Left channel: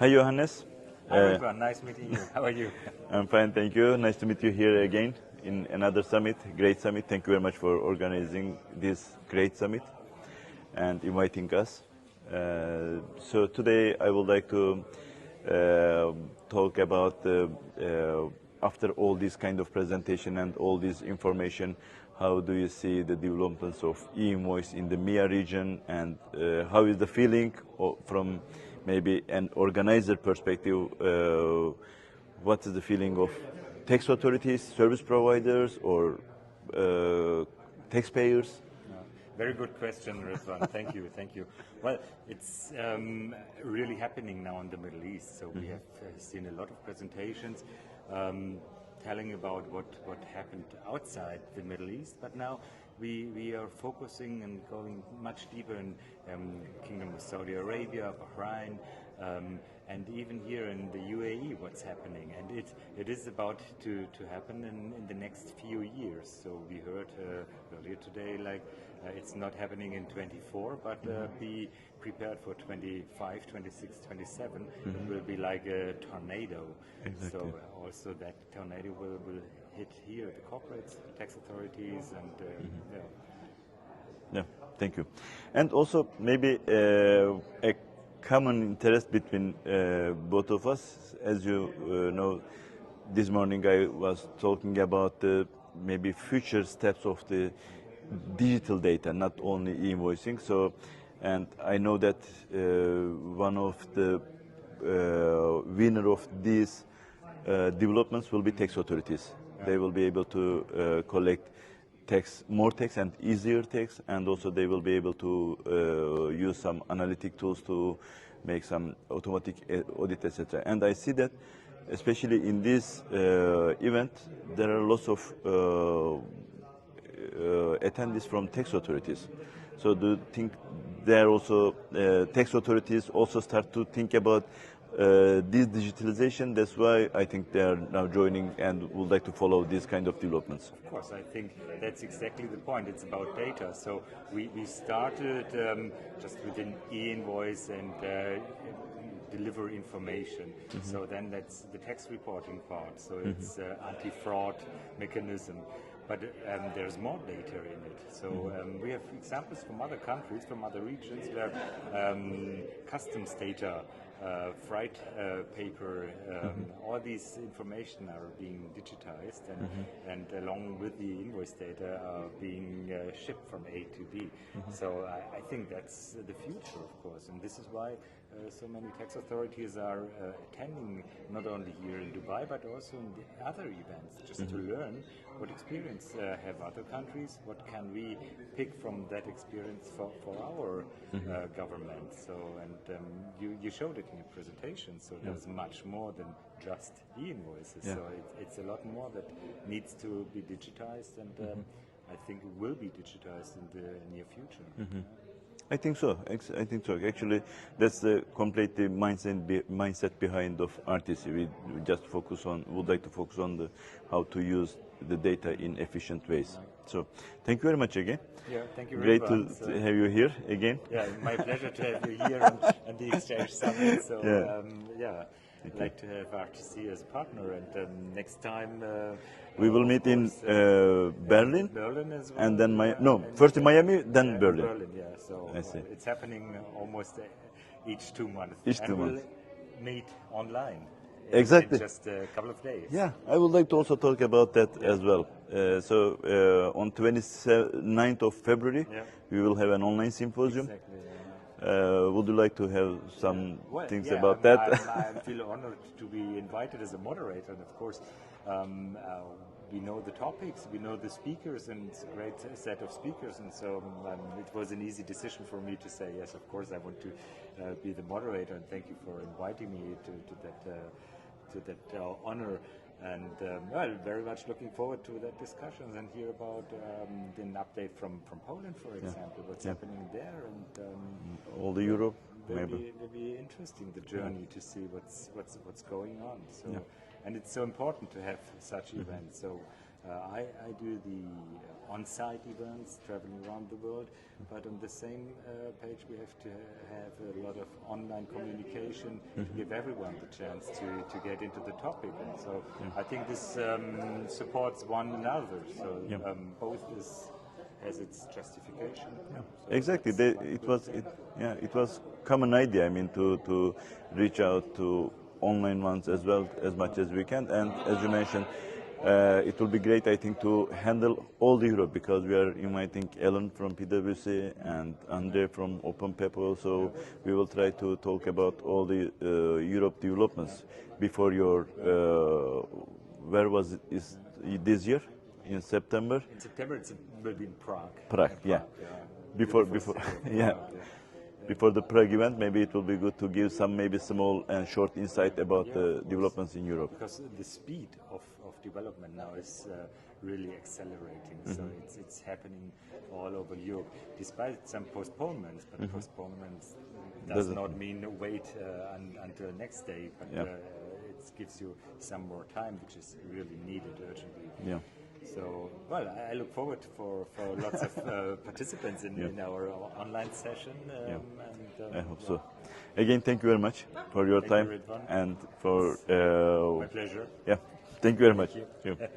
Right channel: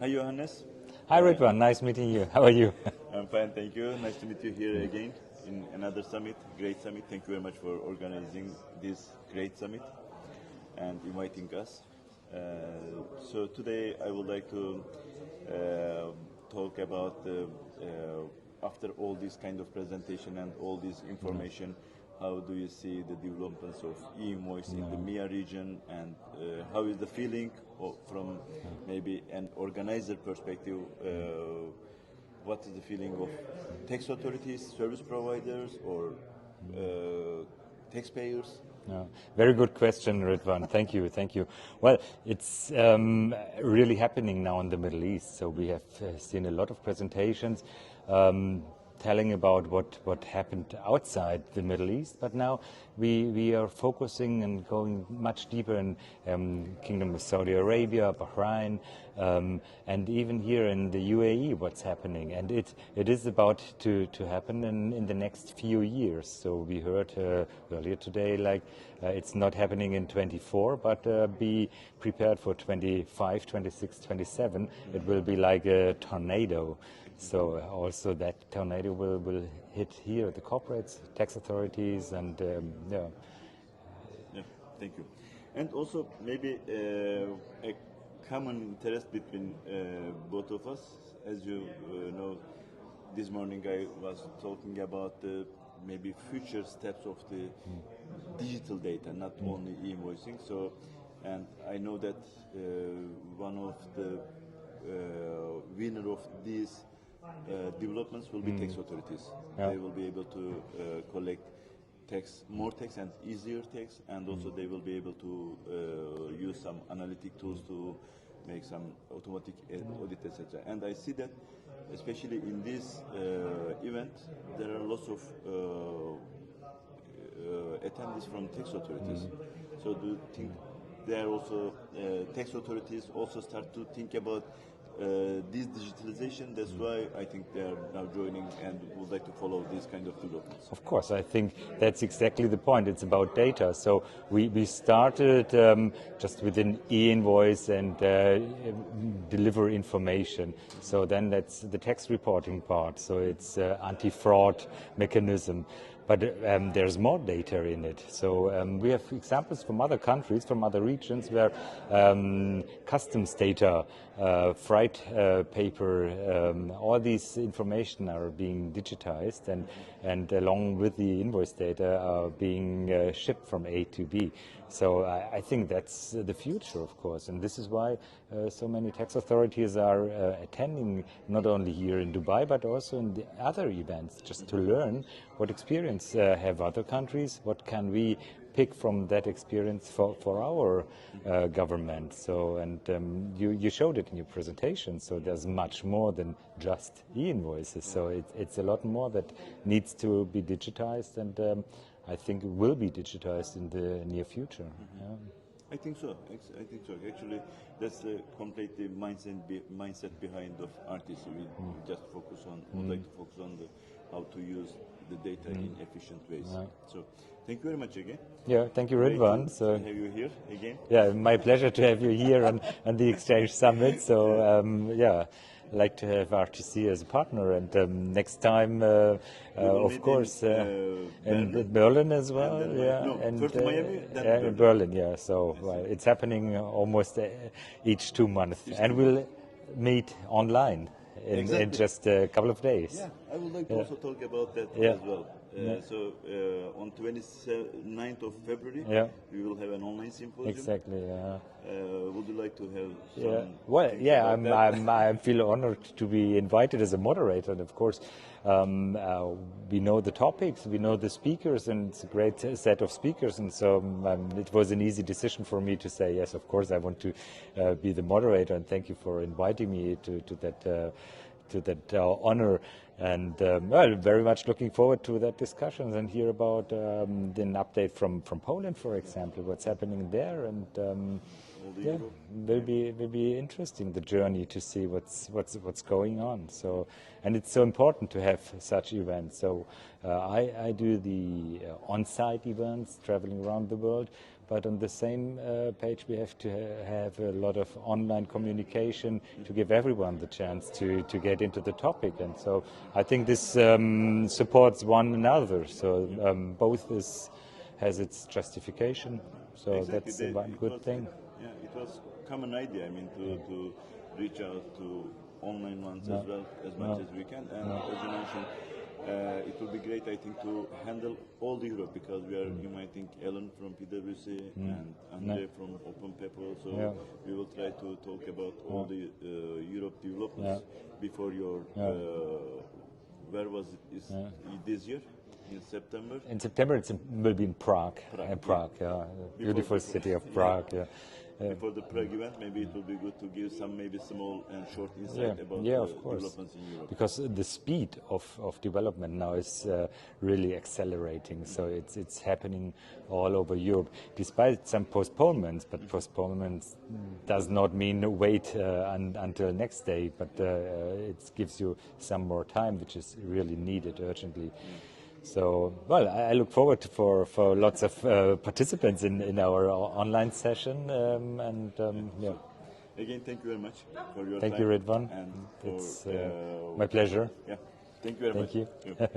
Hi, Johannes. Hi, Ridvan. Nice meeting you. How are you? I'm fine, thank you. Nice to meet you here again in another summit, great summit. Thank you very much for organizing this great summit and inviting us. So today I would like to talk about after all this kind of presentation and all this information, how do you see the developments of e-invoice in the MEA region, and how is the feeling from maybe an organizer perspective? What is the feeling of tax authorities, service providers, or taxpayers? Very good question, Ridvan. Thank you, thank you. Well, it's really happening now in the Middle East. So we have seen a lot of presentations telling about what happened outside the Middle East, but now we are focusing and going much deeper in Kingdom of Saudi Arabia, Bahrain, and even here in the UAE, what's happening. And it is about to happen in the next few years. So we heard earlier today, like it's not happening in 24, but be prepared for 25, 26, 27. Mm-hmm. It will be like a tornado. Exactly. So also that tornado will hit here, the corporates, tax authorities, and Yeah, thank you. And also maybe a common interest between both of us. As you know, this morning I was talking about the maybe future steps of the digital data, not only e-invoicing. So, and I know that one of the winner of these developments will be tax authorities. Yeah. They will be able to collect more tax and easier tax, and also they will be able to use some analytic tools to make some automatic audit, etc. And I see that, especially in this event, there are lots of attendees from tax authorities. So do you think there also tax authorities also start to think about this digitalization? That's why I think they are now joining and would like to follow this kind of developments. Of course, I think that's exactly the point. It's about data. So we started just with an e-invoice and deliver information. Mm-hmm. So then that's the tax reporting part. So it's anti-fraud mechanism. But there's more data in it. So we have examples from other countries, from other regions, where customs data, freight paper, all these information are being digitized, and along with the invoice data are being shipped from A to B. Mm-hmm. So I think that's the future, of course, and this is why so many tax authorities are attending, not only here in Dubai, but also in the other events, just to learn what experience have other countries, what can we pick from that experience for our government. So, and you showed it in your presentation, so there's much more than just e-invoices. Yeah. So it's a lot more that needs to be digitized, and I think it will be digitized in the near future. Mm-hmm. Yeah. I think so. I think so. Actually, that's the complete mindset behind of RTC. We just would like to focus on how to use the data in efficient ways. Yeah. So, thank you very much again. Yeah, thank you, Ridvan. Great to have you here again. Yeah, my pleasure to have you here on the Exchange Summit. So, yeah. I'd like to have RTC as a partner, and next time we will meet in Berlin. In Berlin as well. And then first in Miami, then Berlin. Berlin, yeah. So it's happening almost each 2 months, we'll meet online. In just a couple of days. Yeah, I would like to also talk about that as well. So on 29th of February, we will have an online symposium. Exactly, yeah. Would you like to have some things about that? I feel honored to be invited as a moderator, and of course, we know the topics, we know the speakers, and it's a great set of speakers, and so it was an easy decision for me to say, yes, of course, I want to be the moderator, and thank you for inviting me to that honor. And well, very much looking forward to that discussion and hear about an update from Poland, for example, what's happening there, and all the Europe will be interesting, the journey to see what's going on. So, and it's so important to have such events. So I do the on-site events, traveling around the world, but on the same page we have to have a lot of online communication to give everyone the chance to get into the topic. And so I think this supports one another. So both has its justification. So exactly. It was common idea. I mean, to reach out to online ones as well as much as we can. And as you mentioned, it will be great, I think, to handle all the Europe, because we are inviting Ellen from PwC and Andre from Open Paper. So we will try to talk about all the Europe developments before your. Where was it? Is this year? In September? In September, it will be in Prague. Prague, Before city of Prague, Before the Prague event, maybe it will be good to give some maybe small and short insight about the developments in Europe. Because the speed of development now is really accelerating. So it's happening all over Europe, despite some postponements. But postponements does not mean wait until next day, but it gives you some more time, which is really needed urgently. So, well, I look forward for lots of participants in our online session. Again, thank you very much for your time. Thank you, Ridvan. And for my pleasure. Yeah, thank you very much. Thank you.